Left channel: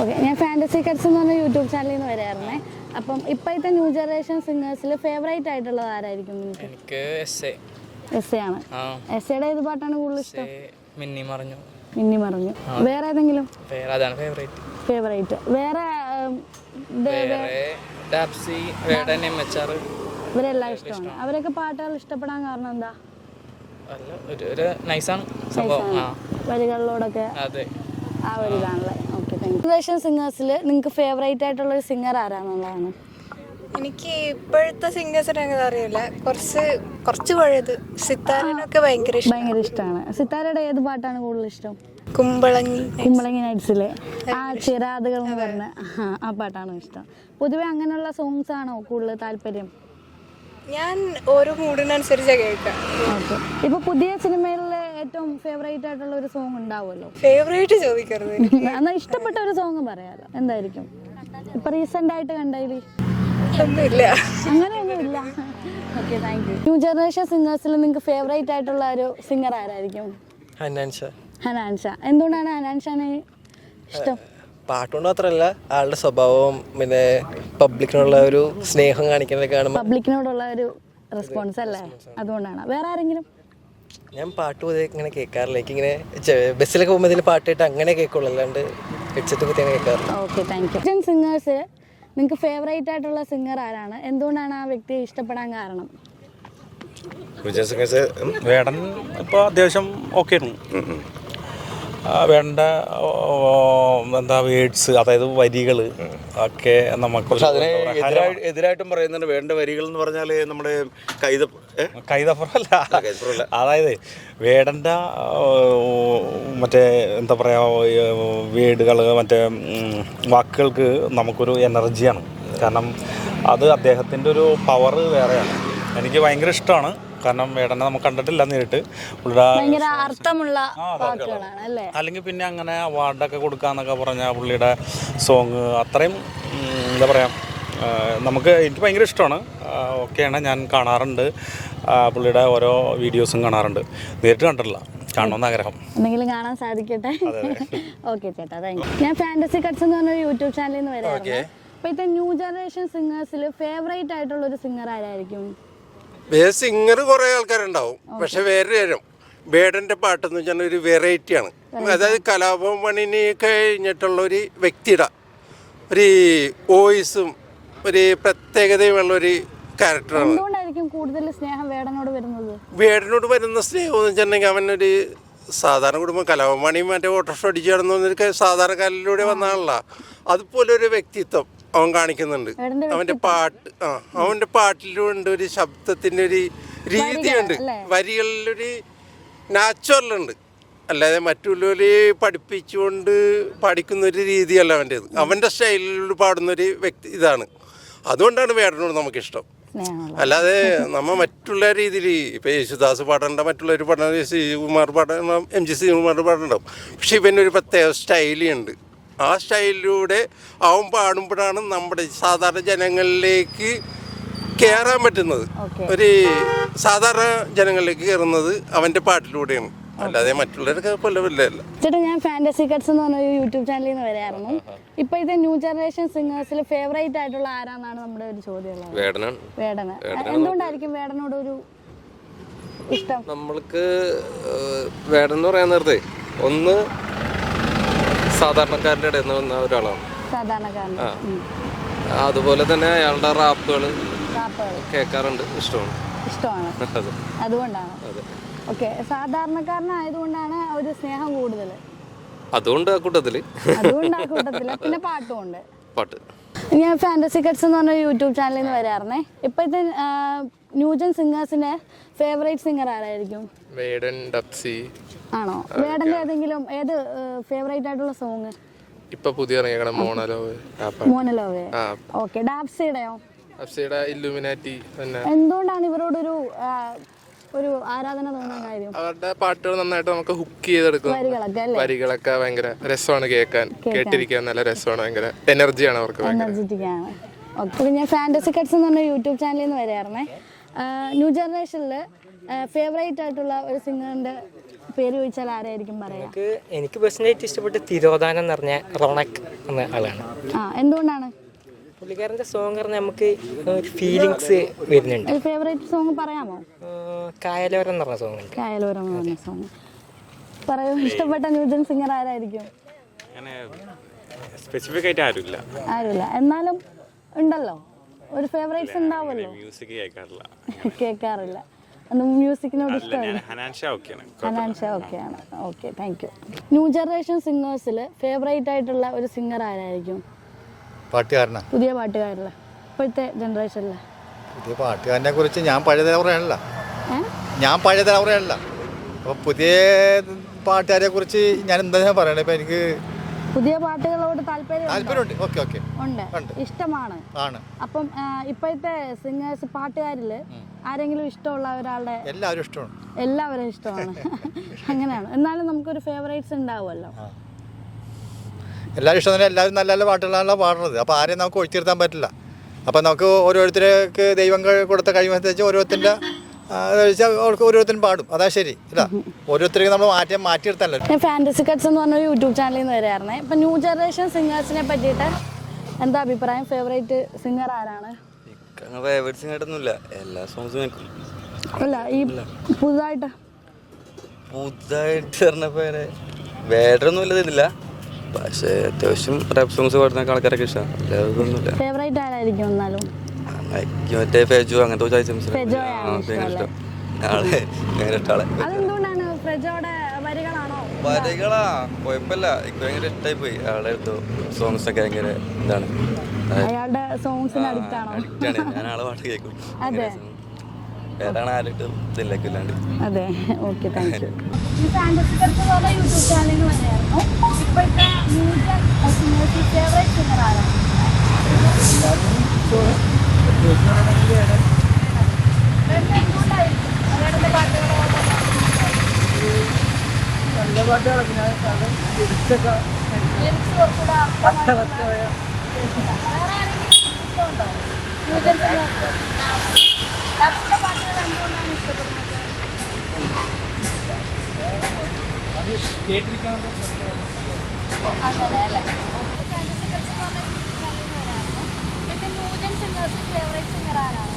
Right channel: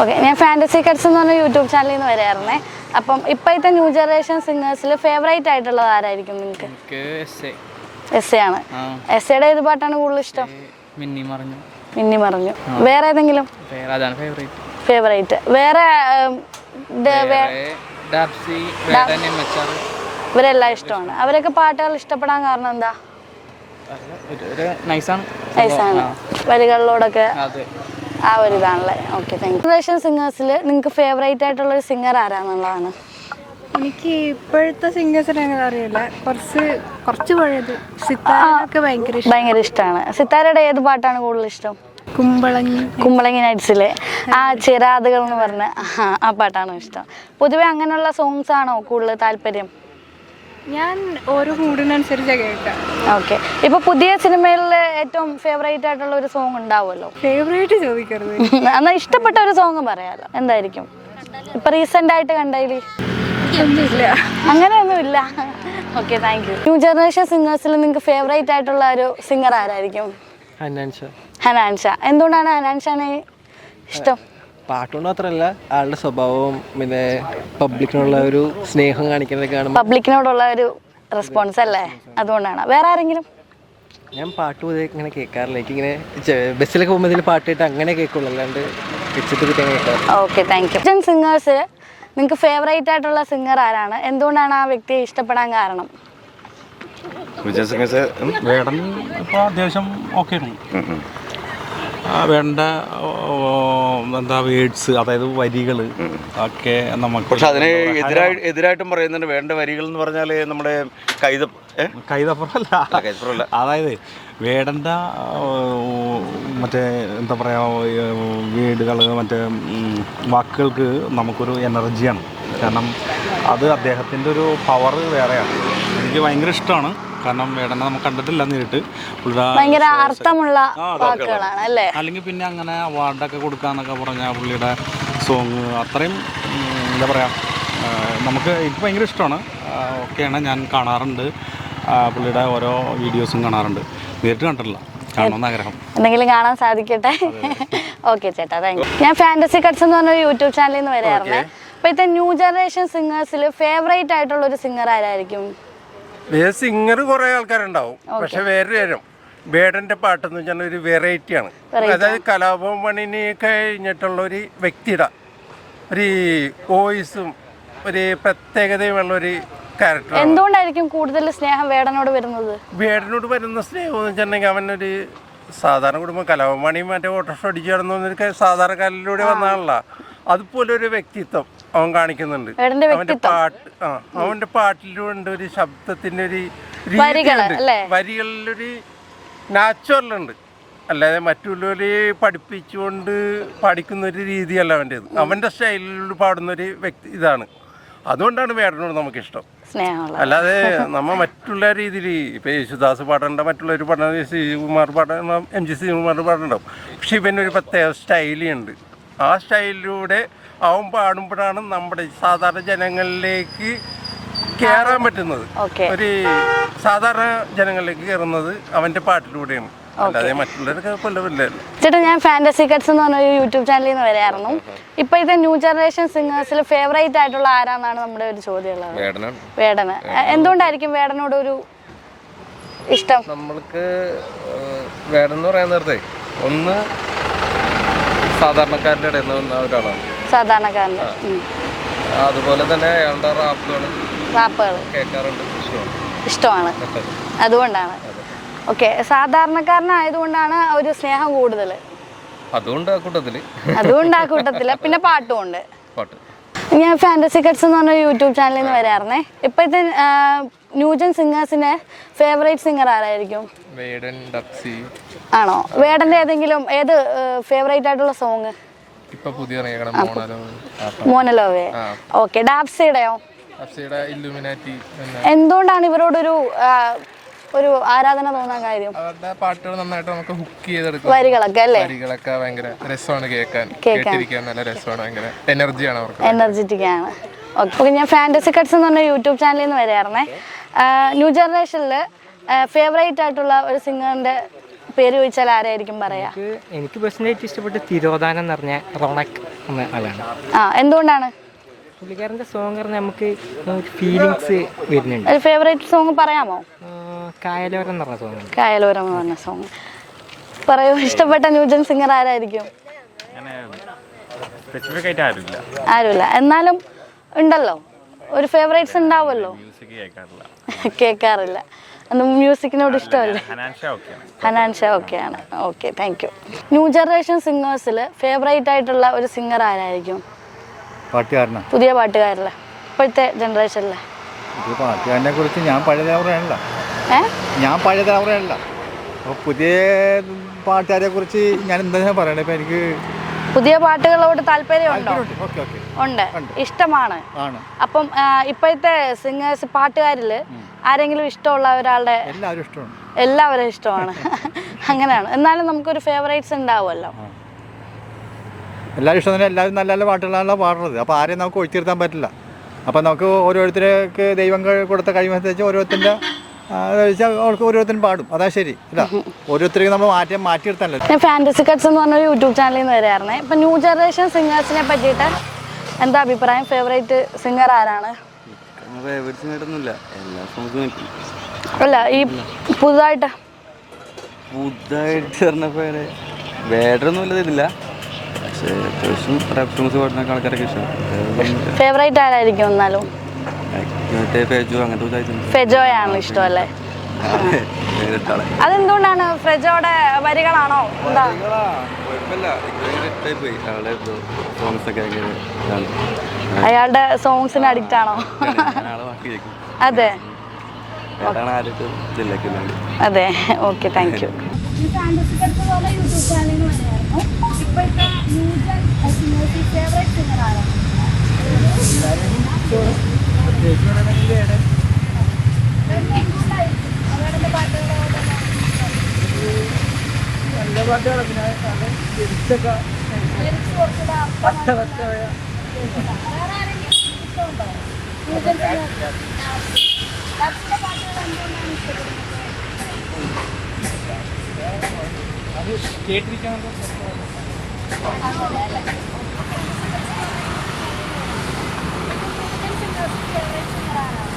Okay, ഞാൻ fantasy cuts എന്ന് പറഞ്ഞ യൂട്യൂബ് ചാനലിൽ നിന്ന് വരായിരുന്നേ. അപ്പം ഇപ്പോഴത്തെ ന്യൂ ജനറേഷൻ സിംഗേഴ്സിൽ ഫേവറേറ്റ് ആയിട്ടുള്ളത് ആരായിരിക്കും നിങ്ങൾക്ക്? എസ് എ ആണ്. എസ് എയുടെ ഏത് പാട്ടാണ് കൂടുതൽ ഇഷ്ടം? മിന്നി മറഞ്ഞു. വേറെ ഏതെങ്കിലും ഫേവറേറ്റ്? വേറെ ഇവരെല്ലാം ഇഷ്ടമാണ്. അവരൊക്കെ പാട്ടുകൾ ഇഷ്ടപ്പെടാൻ കാരണം എന്താ? നൈസാണ്, വരികളിലോടൊക്കെ ആ ഒരു ഇതാണല്ലേ. Okay, thank U. ജനറേഷൻ സിംഗേഴ്സിൽ നിങ്ങൾക്ക് ഫേവറേറ്റ് ആയിട്ടുള്ള ഒരു സിംഗർ ആരാന്നുള്ളതാണ്? എനിക്ക് ഇപ്പോഴത്തെ സിംഗേഴ്സിനെ അറിയില്ല, കുറച്ച് പഴയത് സിത്താരൊക്കെ ഭയങ്കര ഇഷ്ടമാണ്. സിത്താരയുടെ ഏത് പാട്ടാണ് കൂടുതൽ ഇഷ്ടം? കുമ്പളങ്ങി നൈറ്റ്സിലെ ആ ചിരാതുകൾ എന്ന് പറഞ്ഞ ആ പാട്ടാണ് ഇഷ്ടം. പൊതുവെ അങ്ങനെയുള്ള സോങ്സ് ആണോ കൂടുതൽ താല്പര്യം? ഞാൻ ഓരോ മൂഡിനനുസരിച്ച് കേൾക്കാം. ഓക്കെ, ഇപ്പൊ പുതിയ സിനിമയിൽ ഏറ്റവും ഫേവറേറ്റ് ആയിട്ടുള്ള ഒരു സോങ് ഉണ്ടാവുമല്ലോ. ഫേവറേറ്റ് ചോദിക്കരുത്, എന്നാൽ ഇഷ്ടപ്പെട്ട ഒരു സോങ് പറയാലോ. എന്തായിരിക്കും ഇപ്പൊ റീസെന്റ് ആയിട്ട് കണ്ടതിൽ? അങ്ങനെയൊന്നുമില്ല. Okay, thank you. New generation സിംഗേഴ്സിൽ നിങ്ങൾക്ക് ഫേവറേറ്റ് ആയിട്ടുള്ള ഒരു സിംഗർ ആരായിരിക്കും? ഹനാൻഷ. എന്തുകൊണ്ടാണ് ഹനാൻഷാനെ ഇഷ്ടം? പാട്ടുകൊണ്ട് മാത്രമല്ല, ആളുടെ സ്വഭാവവും പിന്നെ പബ്ലിക്കിനുള്ള ഒരു സ്നേഹം കാണിക്കുന്നതൊക്കെയാണ്. പബ്ലിക്കിനോടുള്ള ഒരു റെസ്പോൺസ് അല്ലേ, അതുകൊണ്ടാണ്. വേറെ ആരെങ്കിലും? ഞാൻ പാട്ട് പൊതുവെ ഇങ്ങനെ കേൾക്കാറില്ല. എനിക്കിങ്ങനെ ബസ്സിലൊക്കെ പോകുമ്പോൾ ഇതിൽ പാട്ട് കേട്ട് അങ്ങനെ കേൾക്കുള്ളൂ, അല്ലാണ്ട് വെച്ചിട്ട് കേൾക്കാറില്ല. Okay, thank you. Indian singers നിങ്ങൾക്ക് ഫേവറേറ്റ് ആയിട്ടുള്ള സിംഗർ ആരാണ്? എന്തുകൊണ്ടാണ് ആ വ്യക്തിയെ ഇഷ്ടപ്പെടാൻ കാരണം? വേടൻ ഇപ്പോൾ അത്യാവശ്യം ഓക്കെ വേണ്ട എന്താ വേർഡ്സ്, അതായത് വരികൾ ഒക്കെ നമുക്ക്. പക്ഷെ അതിന് എതിരായിട്ടും പറയുന്നുണ്ട്. വേണ്ട വരികൾ എന്ന് പറഞ്ഞാൽ നമ്മുടെ കൈതപ്പുറമല്ല, അതായത് വേടൻ്റെ മറ്റേ എന്താ പറയുക വേർഡുകൾ, മറ്റേ വാക്കുകൾക്ക് നമുക്കൊരു എനർജിയാണ്. കാരണം അത് അദ്ദേഹത്തിൻ്റെ ഒരു പവർ വേറെയാണ്. എനിക്ക് ഭയങ്കര ഇഷ്ടമാണ്. കാരണം വേടനെ നമുക്ക് കണ്ടിട്ടില്ല നേരിട്ട്. ഭയങ്കര അർത്ഥമുള്ള വാക്കുകളാണ് അല്ലേ. അല്ലെങ്കിൽ പിന്നെ അങ്ങനെ അവാർഡൊക്കെ കൊടുക്കാന്നൊക്കെ പറഞ്ഞാൽ പുള്ളിയുടെ സോങ് അത്രയും എന്താ പറയുക, എനിക്ക് ഭയങ്കര ഇഷ്ടമാണ്. ഓക്കെയാണ്, ഞാൻ കാണാറുണ്ട്. പുള്ളിയുടെ ഓരോ വീഡിയോസും കാണാറുണ്ട്. നേരിട്ട് കണ്ടിട്ടില്ല, കാണണമെന്ന് ആഗ്രഹം. എന്തെങ്കിലും കാണാൻ സാധിക്കട്ടെ. ഓക്കെ ചേട്ടാ, താങ്ക് യു. ഞാൻ ഫാൻറ്റസി കട്ട്സ് എന്ന് പറഞ്ഞ യൂട്യൂബ് ചാനലിൽ നിന്ന് വരാറുണ്ട്. ഇപ്പോഴത്തെ ന്യൂ ജനറേഷൻ സിംഗേഴ്സിൽ ഫേവറേറ്റ് ആയിട്ടുള്ള ഒരു സിംഗർ ആരായിരിക്കും? സിംഗർ കുറെ ആൾക്കാരുണ്ടാവും, പക്ഷെ വേറെ വേടന്റെ പാട്ടെന്ന് വെച്ചാൽ ഒരു വെറൈറ്റിയാണ്. അതായത് കലാഭവൻ മണിനെ കഴിഞ്ഞിട്ടുള്ള ഒരു വ്യക്തിയുടെ ഒരു വോയിസും ഒരു പ്രത്യേകതയുമുള്ള ഒരു ക്യാരക്ടർ. എന്തുകൊണ്ടായിരിക്കും കൂടുതൽ സ്നേഹം വേടനോട് വരുന്നത്? വേടനോട് വരുന്ന സ്നേഹം എന്ന് വെച്ചിട്ടുണ്ടെങ്കിൽ അവനൊരു സാധാരണ കുടുംബം. കലാഭവൻ മണി മറ്റേ ഓട്ടോറിക്ഷ അടിച്ചു കിടന്നൊരു സാധാരണക്കാരിലൂടെ വന്നാണല്ലോ. അതുപോലെ ഒരു വ്യക്തിത്വം അവൻ കാണിക്കുന്നുണ്ട്. അവന്റെ പാട്ടിലുണ്ട് ഒരു ശബ്ദത്തിന്റെ ഒരു രീതിയുണ്ട്, വരികളിലൊരു നാച്ചുറലുണ്ട്. അല്ലാതെ മറ്റുള്ളവരെ പഠിപ്പിച്ചുകൊണ്ട് പഠിക്കുന്ന ഒരു രീതിയല്ല അവൻ്റെത്. അവന്റെ സ്റ്റൈലിൽ പാടുന്നൊരു വ്യക്തി ഇതാണ്. അതുകൊണ്ടാണ് വേടനോട് നമുക്കിഷ്ടം. അല്ലാതെ നമ്മ മറ്റുള്ള രീതിയിൽ ഇപ്പൊ യേശുദാസ് പാടേണ്ട, മറ്റുള്ളവർ പാടേണ്ട, ശ്രീകുമാർ പാടേണ്ട, MG ശ്രീകുമാർ പാടേണ്ടാവും. പക്ഷെ ഇവനൊരു പ്രത്യേക സ്റ്റൈലുണ്ട്. ആ സ്റ്റൈലിലൂടെ അവൻ പാടുമ്പോഴാണ് നമ്മുടെ സാധാരണ ജനങ്ങളിലേക്ക് കയറാൻ പറ്റുന്നത്. ഒരു സാധാരണ ജനങ്ങളിലേക്ക് കയറുന്നത് അവന്റെ പാട്ടിലൂടെയാണ്, അല്ലാതെ മറ്റുള്ളവരൊക്കെ കൊല്ലമില്ലല്ലോ. ചേട്ടാ, ഞാൻ ഫാൻറ്റസി കട്ട്സ് എന്ന് പറഞ്ഞ യൂട്യൂബ് ചാനലിൽ നിന്ന് വരായിരുന്നു. ഇപ്പോഴത്തെ ന്യൂ ജനറേഷൻ സിംഗേഴ്സിൽ ഫേവറേറ്റ് ആയിട്ടുള്ള ആരാന്നാണ് നമ്മുടെ ഒരു ചോദ്യമുള്ളത്. വേടന്. എന്തുകൊണ്ടായിരിക്കും വേടനോട് ഒരു ഇഷ്ടം? നമ്മൾക്ക് വേടൻ എന്ന് പറയാൻ നേരത്തെ ഒന്ന് സാധാരണക്കാരുടെ ഇടയിൽ നിന്ന് വന്ന ഒരാളാണ്. സാധാരണക്കാരൻ്റെ. അതുപോലെ തന്നെ അയാളുടെ റാപ്പുകൾ കേൾക്കാറുണ്ട്, ഇഷ്ടമാണ്. അതുകൊണ്ടാണ്. ഓക്കെ, സാധാരണക്കാരനായതുകൊണ്ടാണ് ഒരു സ്നേഹം കൂടുതൽ. അതുകൊണ്ട് ആ കൂട്ടത്തില് പിന്നെ പാട്ടുമുണ്ട്. ഞാൻ ഫാൻറ്റസി കട്ട്സ് എന്ന് പറഞ്ഞ യൂട്യൂബ് ചാനലിൽ നിന്ന് വരാറുന്നേ. ഇപ്പോഴത്തെ ന്യൂജൻ സിംഗേഴ്സിന്റെ ഫേവറേറ്റ് സിംഗർ ആരായിരിക്കും? ആണോ? വേടന്റെ ഏതെങ്കിലും ഏത് ഫേവറേറ്റ് ആയിട്ടുള്ള സോങ്? ഇപ്പൊ പുതിയ മോനലോവേ. ഓക്കെ, ഡാപ്സിയുടെയോ? എന്തുകൊണ്ടാണ് ഇവരോടൊരു ഒരു ആരാധന തോന്നാൻ കാര്യം? അവരുടെ പാട്ടുകൾ നന്നായിട്ട് നമുക്ക് ഹുക്ക് ചെയ്തെടുക്കും. വരികളൊക്കെ ഭയങ്കര രസമാണ് കേൾക്കാൻ, നല്ല രസമാണ്, ഭയങ്കര എനർജിയാണ് അവർക്ക്, എനർജറ്റിക് ആണ്. ഓക്കെ, ഞാൻ ഫാൻറ്റസി കട്ട്സ് എന്ന് പറഞ്ഞ യൂട്യൂബ് ചാനലിൽ നിന്ന് വരാറുന്നേ. ന്യൂ ജനറേഷനിൽ ഫേവറേറ്റ് ആയിട്ടുള്ള ഒരു സിംഗറിന്റെ പേര് ചോദിച്ചാൽ ആരായിരിക്കും പറയാ? എനിക്ക് പേഴ്സണലായിട്ട് ഇഷ്ടപ്പെട്ട തിരോധാനം എന്ന് പറഞ്ഞ റോണക് എന്ന ആളാണ്. എന്തുകൊണ്ടാണ്? പുള്ളിക്കാരൻ്റെ സോങ് പറഞ്ഞാൽ നമുക്ക് ഫീലിങ്സ് വരുന്നുണ്ട്. ഒരു ഫേവറേറ്റ് സോങ് പറയാമോ? കായലോരം എന്ന് പറഞ്ഞ സോങ്. കായലോരം എന്ന് പറഞ്ഞ സോങ് പറയൂ. ഇഷ്ടപ്പെട്ട ന്യൂജൻ സിംഗർ ആരായിരിക്കും? ആരുമില്ല, എന്നാലും ഉണ്ടല്ലോ ഒരു ഫേവറേറ്റ്സ് ഉണ്ടാവുമല്ലോ. കേൾക്കാറില്ല. മ്യൂസിക്കിനോട് ഇഷ്ടമല്ലേ? ഹനാൻഷ ഓക്കെയാണ്. Okay, thank you. New generation സിംഗേഴ്സിൽ ഫേവറേറ്റ് ആയിട്ടുള്ള ഒരു സിംഗർ ആരായിരിക്കും? പുതിയ പാട്ടുകാരിലെ ഇപ്പോഴത്തെ ജനറേഷനിലെ പാട്ടുകാരനെ കുറിച്ച് ഞാൻ പഴയ തലമുറയാണല്ലോ. അപ്പോൾ പുതിയ പാട്ടുകാരെ കുറിച്ച് ഞാൻ എന്താ പറയണേ? ഇപ്പം എനിക്ക് പുതിയ പാട്ടുകളോട് താല്പര്യമുണ്ടോ? ഉണ്ട്, ഇഷ്ടമാണ്. അപ്പം ഇപ്പോഴത്തെ സിംഗേഴ്സ് പാട്ടുകാരിൽ ആരെങ്കിലും ഇഷ്ടമുള്ള ഒരാളുടെ? എല്ലാവരും ഇഷ്ടമാണ്. അങ്ങനെയാണ്. എന്നാലും നമുക്കൊരു ഫേവറേറ്റ്സ് ഉണ്ടാവുമല്ലോ. എല്ലാവരും ഇഷ്ടം. എല്ലാവരും നല്ല നല്ല പാട്ടുകളാണല്ലോ പാടുന്നത്. അപ്പോൾ ആരെയും നമുക്ക് ഒഴിച്ചിരുത്താൻ പറ്റില്ല. അപ്പോൾ നമുക്ക് ഓരോരുത്തർക്ക് ദൈവം കൊടുത്ത കഴിവനുസരിച്ച് ഓരോരുത്തരുടെ അവർക്ക് ഓരോരുത്തരും പാടും. അതാ ശരി അല്ല, ഓരോരുത്തർക്ക് നമ്മൾ മാറ്റിയെടുത്തല്ലോ. ഞാൻ ഫാൻറ്റസി കട്ട്സ് എന്ന് പറഞ്ഞൊരു യൂട്യൂബ് ചാനലിൽ നിന്ന് വരായിരുന്നേ. ഇപ്പം ന്യൂ ജനറേഷൻ സിംഗേഴ്സിനെ പറ്റിയിട്ട് എന്താ അഭിപ്രായം? ഫേവറേറ്റ് സിംഗർ ആരാണ്? അല്ല, ഈ പുതുതായിട്ട് ഫേവറേറ്റ് ആരായിരിക്കും? എന്നാലും ഫെജോയാണ് ഇഷ്ടമല്ലേ? അതെന്തുകൊണ്ടാണ്? ഫ്രെജോയുടെ വരികളാണോ? അയാളുടെ സോങ്സിന് അഡിക്റ്റ് ആണോ? അതെ അതെ. Okay, thank U. യൂട്യൂബ് ചാനലിൽ വരെയായിരുന്നു. ഇപ്പോഴത്തെ ന്യൂ ജൻ സിംഗേഴ്സിൽ ഫേവറേറ്റ് സിംഗർ ആരാണ്? എന്തുകൊണ്ടായിരിക്കും? വേടന്റെ പാട്ടുകളോ? നല്ല പാട്ടുകളൊക്കെ ലിറിക്സ് കുറച്ചുകൂടെ അർത്ഥമായിട്ടുള്ള. വേറെ ആരെങ്കിലും ഇഷ്ടമുണ്ടോ? ന്യൂ ജൻ ഡബ്സിന്റെ പാട്ടുകൾ എന്തുകൊണ്ടാണ് ഇഷ്ടപ്പെടുന്നത്? അങ്ങനെ അല്ലേ? New gen singers favourite singer ആരാണ്?